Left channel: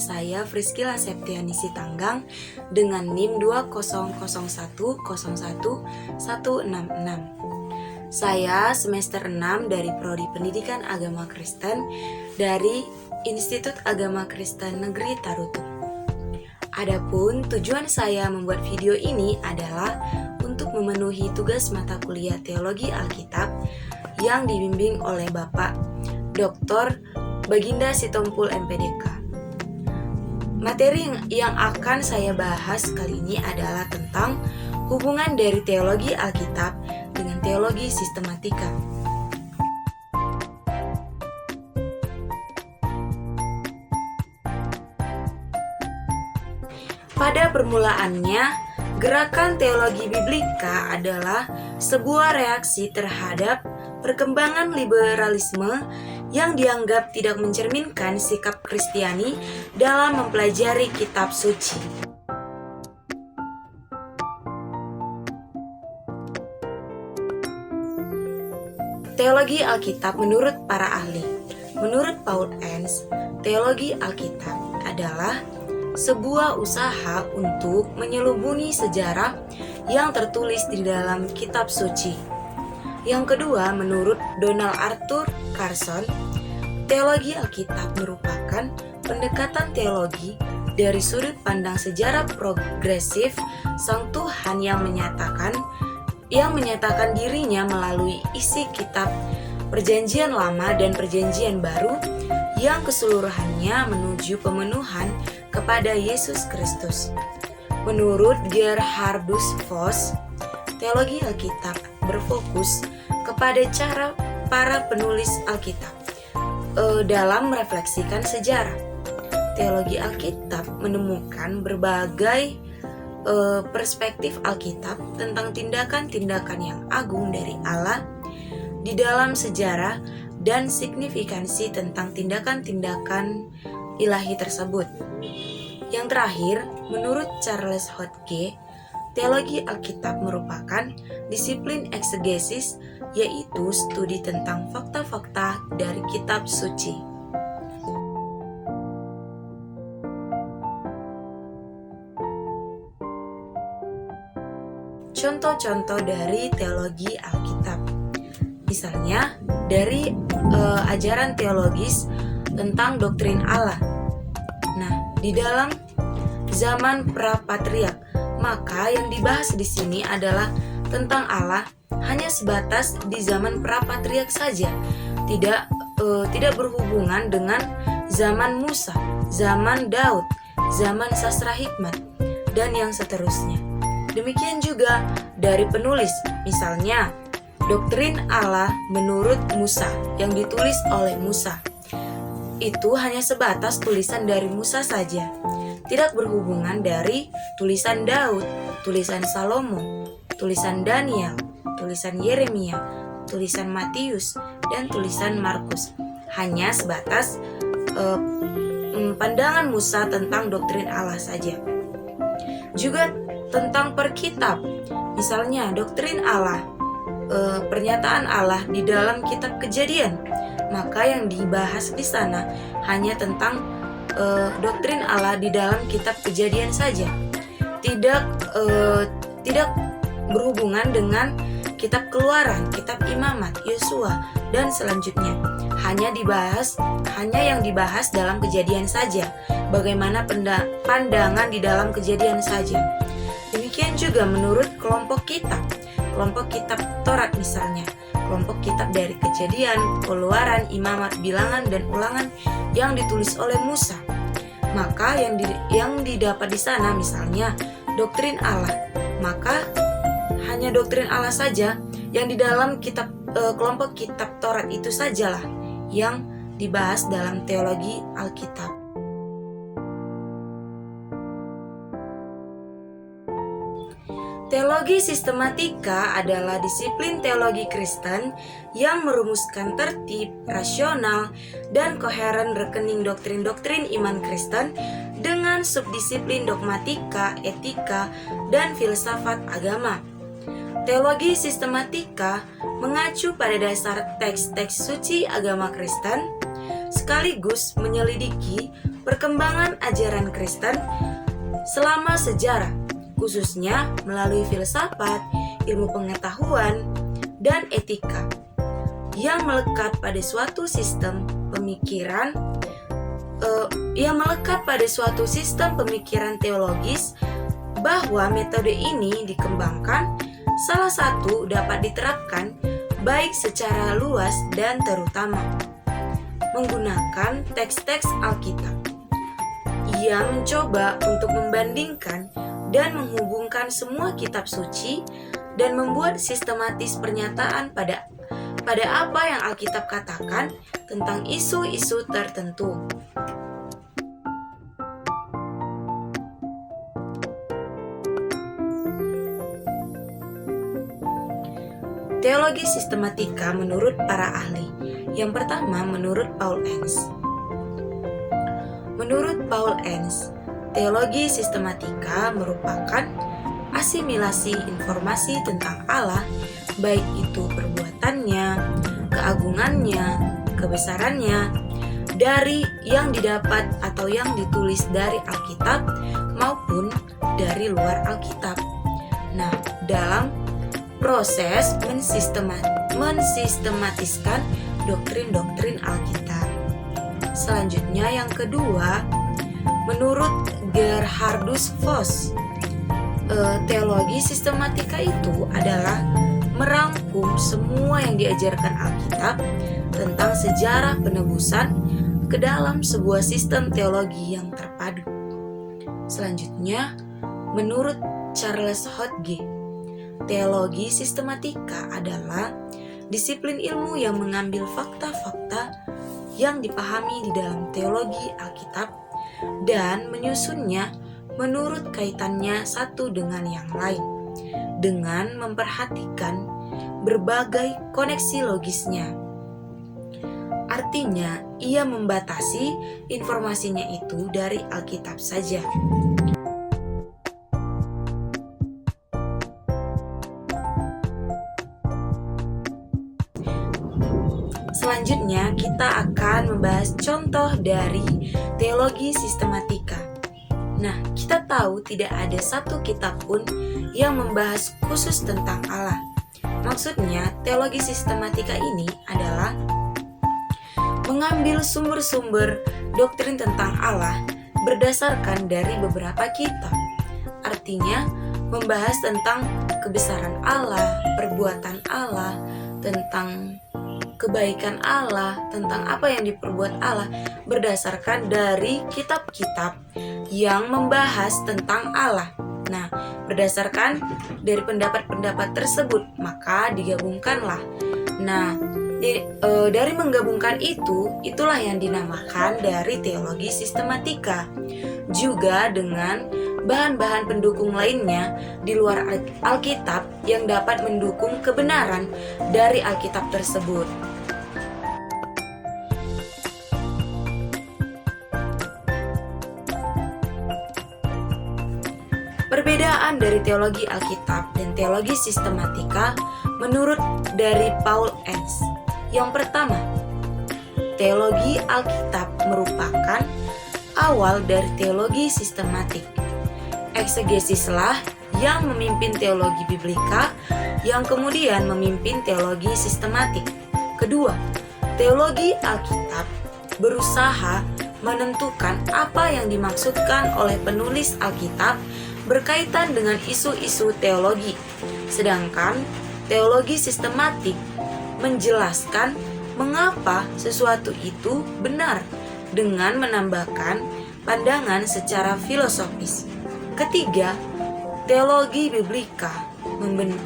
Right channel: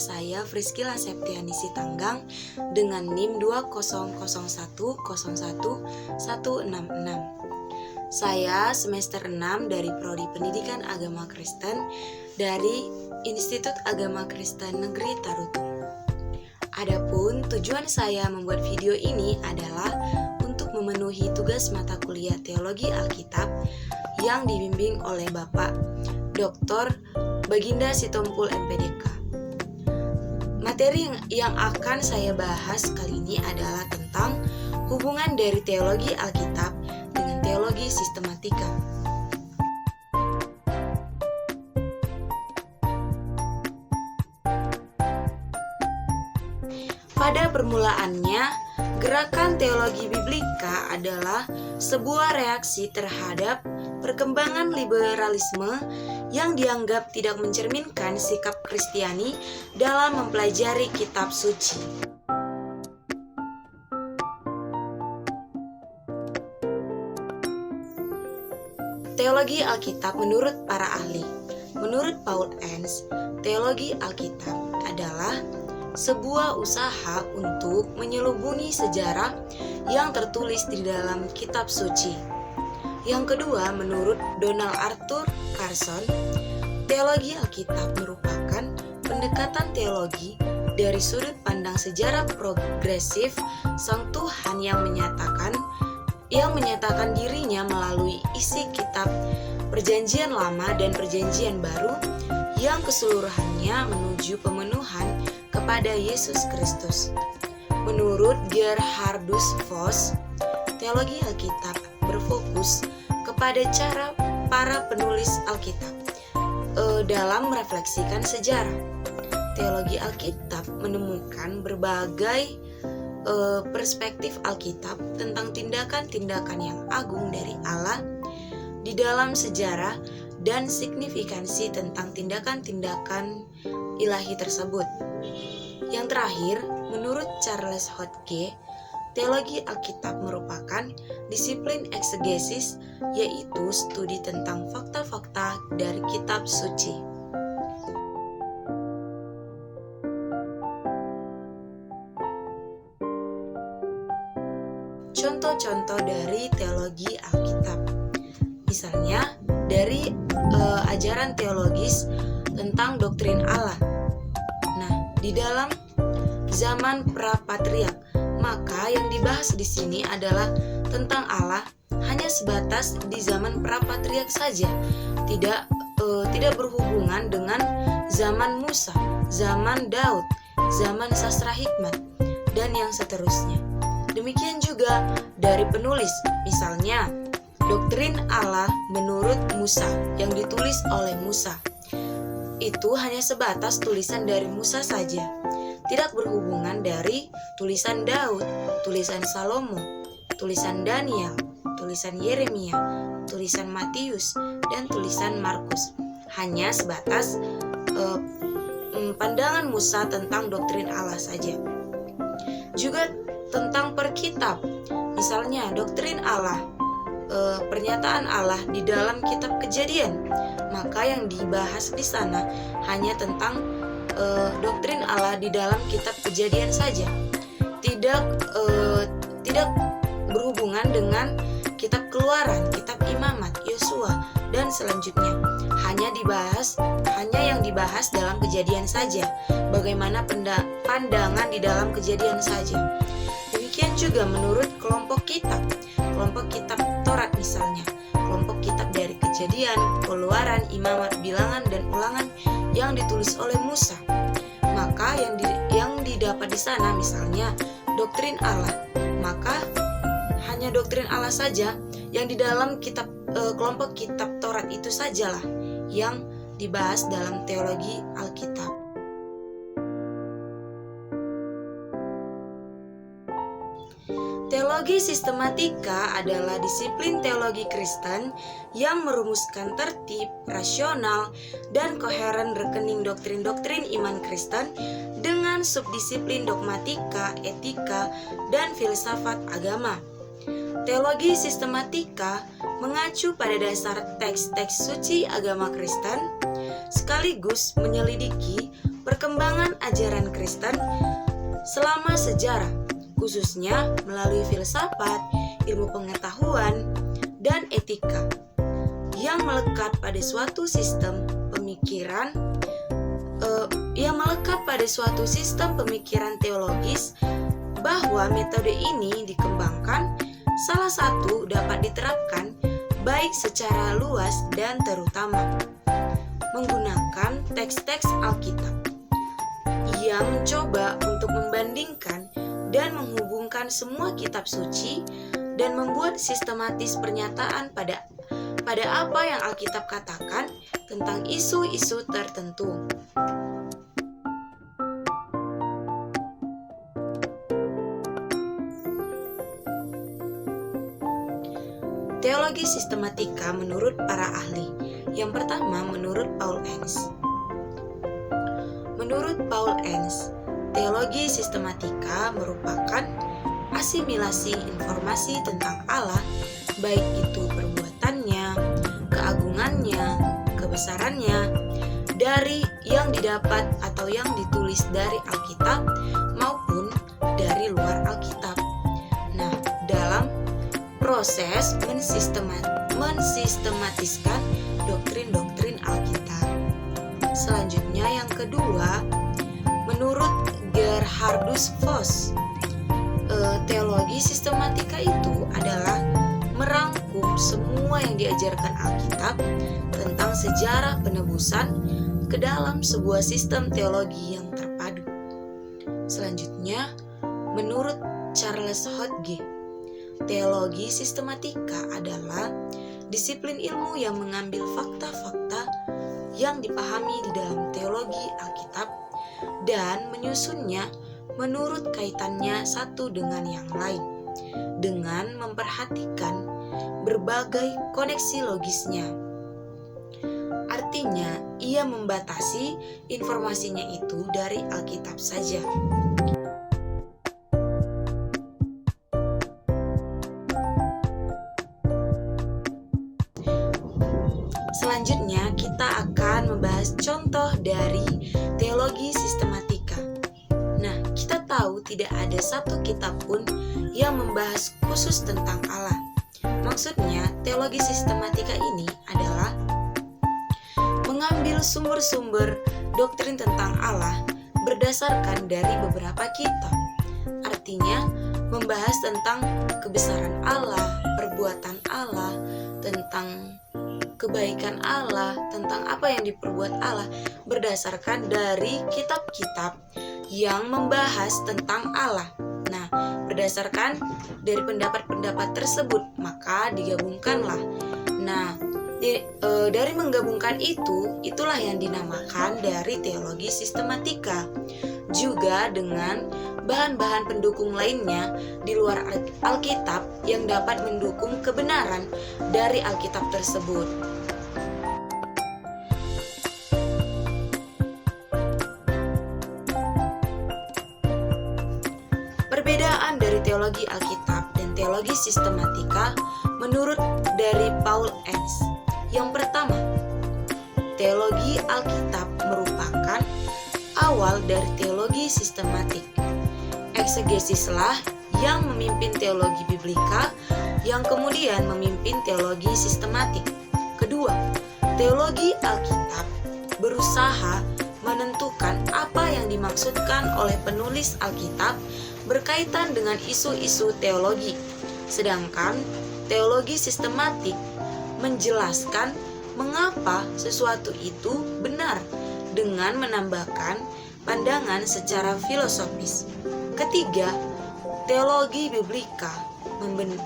saya Friskila Septiani Sitanggang dengan NIM 2001011166. Saya semester 6 dari Prodi Pendidikan Agama Kristen dari Institut Agama Kristen Negeri Tarutung. Adapun tujuan saya membuat video ini adalah untuk memenuhi tugas mata kuliah Teologi Alkitab yang dibimbing oleh Bapak Dr. Baginda Sitompul MPDK. Materi yang akan saya bahas kali ini adalah tentang hubungan dari teologi Alkitab dengan teologi sistematika. Pada permulaannya, gerakan teologi biblika adalah sebuah reaksi terhadap perkembangan liberalisme yang dianggap tidak mencerminkan sikap Kristiani dalam mempelajari kitab suci. Teologi Alkitab menurut para ahli. Menurut Paul Enns, teologi Alkitab adalah sebuah usaha untuk menyelubungi sejarah yang tertulis di dalam kitab suci. Yang kedua, menurut Donald Arthur Carson, teologi Alkitab merupakan pendekatan teologi dari sudut pandang sejarah progresif Sang Tuhan yang menyatakan dirinya melalui isi kitab Perjanjian Lama dan Perjanjian Baru yang keseluruhannya menuju pemenuhan kepada Yesus Kristus. Menurut Gerhardus Voss, teologi Alkitab berfokus kepada cara para penulis Alkitab dalam merefleksikan sejarah. Teologi Alkitab menemukan berbagai perspektif Alkitab tentang tindakan-tindakan yang agung dari Allah di dalam sejarah dan signifikansi tentang tindakan-tindakan ilahi tersebut. Yang terakhir, menurut Charles Hodge, teologi Alkitab merupakan disiplin eksegesis, yaitu studi tentang fakta-fakta dari kitab suci. Contoh-contoh dari teologi Alkitab, misalnya dari ajaran teologis tentang doktrin Allah. Nah, di dalam zaman pra-patriark, maka yang dibahas di sini adalah tentang Allah hanya sebatas di zaman pra-patriark saja, tidak berhubungan dengan zaman Musa, zaman Daud, zaman sastra hikmat, dan yang seterusnya. Demikian juga dari penulis, misalnya doktrin Allah menurut Musa yang ditulis oleh Musa. Itu hanya sebatas tulisan dari Musa saja, tidak berhubungan dari tulisan Daud, tulisan Salomo, tulisan Daniel, tulisan Yeremia, tulisan Matius, dan tulisan Markus. Hanya sebatas pandangan Musa tentang doktrin Allah saja. Juga tentang perkitab, misalnya doktrin Allah, pernyataan Allah di dalam kitab Kejadian, maka yang dibahas di sana hanya tentang doktrin Allah di dalam kitab Kejadian saja, tidak berhubungan dengan kitab Keluaran, kitab Imamat, Yosua, dan selanjutnya. Hanya yang dibahas dalam Kejadian saja, bagaimana pandangan di dalam Kejadian saja. Demikian juga menurut kelompok kitab Taurat misalnya, kelompok kitab dari Kejadian, Keluaran, Imamat, Bilangan, dan Ulangan yang ditulis oleh Musa. Maka yang didapat di sana misalnya doktrin Allah, maka hanya doktrin Allah saja yang di dalam kelompok kitab Taurat itu sajalah yang dibahas dalam teologi Alkitab. Teologi sistematika adalah disiplin teologi Kristen yang merumuskan tertib, rasional, dan koheren rekening doktrin-doktrin iman Kristen dengan subdisiplin dogmatika, etika, dan filsafat agama. Teologi sistematika mengacu pada dasar teks-teks suci agama Kristen, sekaligus menyelidiki perkembangan ajaran Kristen selama sejarah, khususnya melalui filsafat, ilmu pengetahuan, dan etika yang melekat pada suatu sistem pemikiran teologis, bahwa metode ini dikembangkan, salah satu dapat diterapkan baik secara luas dan terutama menggunakan teks-teks Alkitab yang mencoba untuk membandingkan dan menghubungkan semua kitab suci dan membuat sistematis pernyataan pada apa yang Alkitab katakan tentang isu-isu tertentu. Teologi sistematika menurut para ahli. Yang pertama, menurut Paul Enns. Menurut Paul Enns, teologi sistematika merupakan asimilasi informasi tentang Allah, baik itu perbuatannya, keagungannya, kebesarannya, dari yang didapat atau yang ditulis dari Alkitab maupun dari luar Alkitab. Nah, dalam proses mensistematiskan doktrin-doktrin Alkitab. Selanjutnya yang kedua, menurut Gerhardus Voss, teologi sistematika itu adalah merangkum semua yang diajarkan Alkitab tentang sejarah penebusan ke dalam sebuah sistem teologi yang terpadu. Selanjutnya, menurut Charles Hodge, teologi sistematika adalah disiplin ilmu yang mengambil fakta-fakta yang dipahami di dalam teologi Alkitab dan menyusunnya menurut kaitannya satu dengan yang lain, dengan memperhatikan berbagai koneksi logisnya. Artinya, ia membatasi informasinya itu dari Alkitab saja. Selanjutnya, kita akan membahas contoh dari teologi sistematika. Nah, kita tahu tidak ada satu kitab pun yang membahas khusus tentang Allah. Maksudnya, teologi sistematika ini adalah mengambil sumber-sumber doktrin tentang Allah berdasarkan dari beberapa kitab. Artinya, membahas tentang kebesaran Allah, perbuatan Allah, tentang kebaikan Allah, tentang apa yang diperbuat Allah berdasarkan dari kitab-kitab yang membahas tentang Allah. Nah, berdasarkan dari pendapat-pendapat tersebut, maka digabungkanlah. Nah, dari menggabungkan itulah yang dinamakan dari teologi sistematika. Juga dengan bahan-bahan pendukung lainnya di luar Alkitab yang dapat mendukung kebenaran dari Alkitab tersebut. Perbedaan dari teologi Alkitab dan teologi sistematika menurut dari Paul Enns. Yang pertama, teologi Alkitab merupakan awal dari teologi sistematik. Eksegesislah yang memimpin teologi biblika, yang kemudian memimpin teologi sistematik. Kedua, teologi Alkitab berusaha menentukan apa yang dimaksudkan oleh penulis Alkitab berkaitan dengan isu-isu teologi. Sedangkan teologi sistematik menjelaskan mengapa sesuatu itu benar dengan menambahkan pandangan secara filosofis. Ketiga, teologi biblika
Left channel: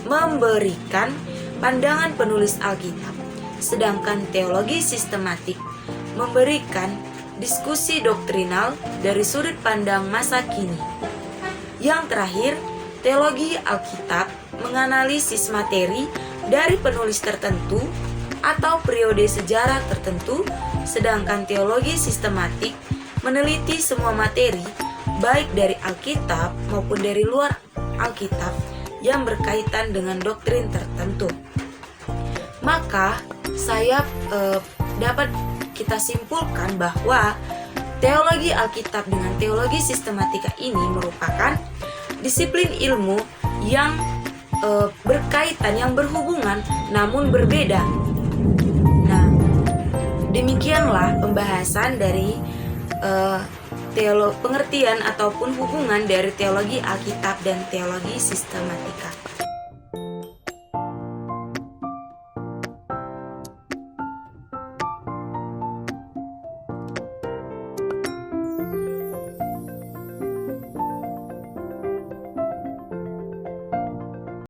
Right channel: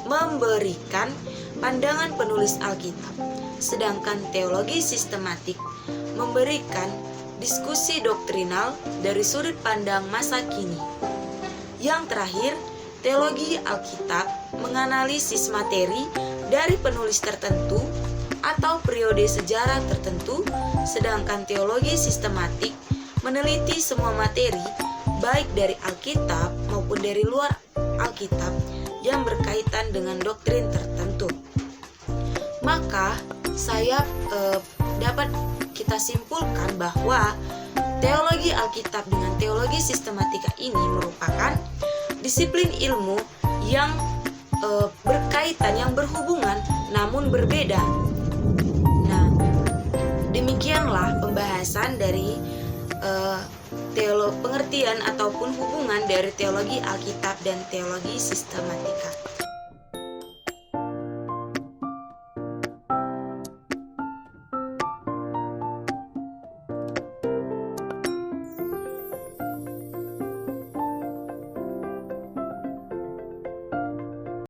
memberikan pandangan penulis Alkitab, sedangkan teologi sistematik memberikan diskusi doktrinal dari sudut pandang masa kini. Yang terakhir, teologi Alkitab menganalisis materi dari penulis tertentu atau periode sejarah tertentu, sedangkan teologi sistematik meneliti semua materi baik dari Alkitab maupun dari luar Alkitab yang berkaitan dengan doktrin tertentu. Maka dapat kita simpulkan bahwa teologi Alkitab dengan teologi sistematika ini merupakan disiplin ilmu yang berkaitan, yang berhubungan namun berbeda. Nah, demikianlah pembahasan dari pengertian ataupun hubungan dari teologi Alkitab dan teologi sistematika.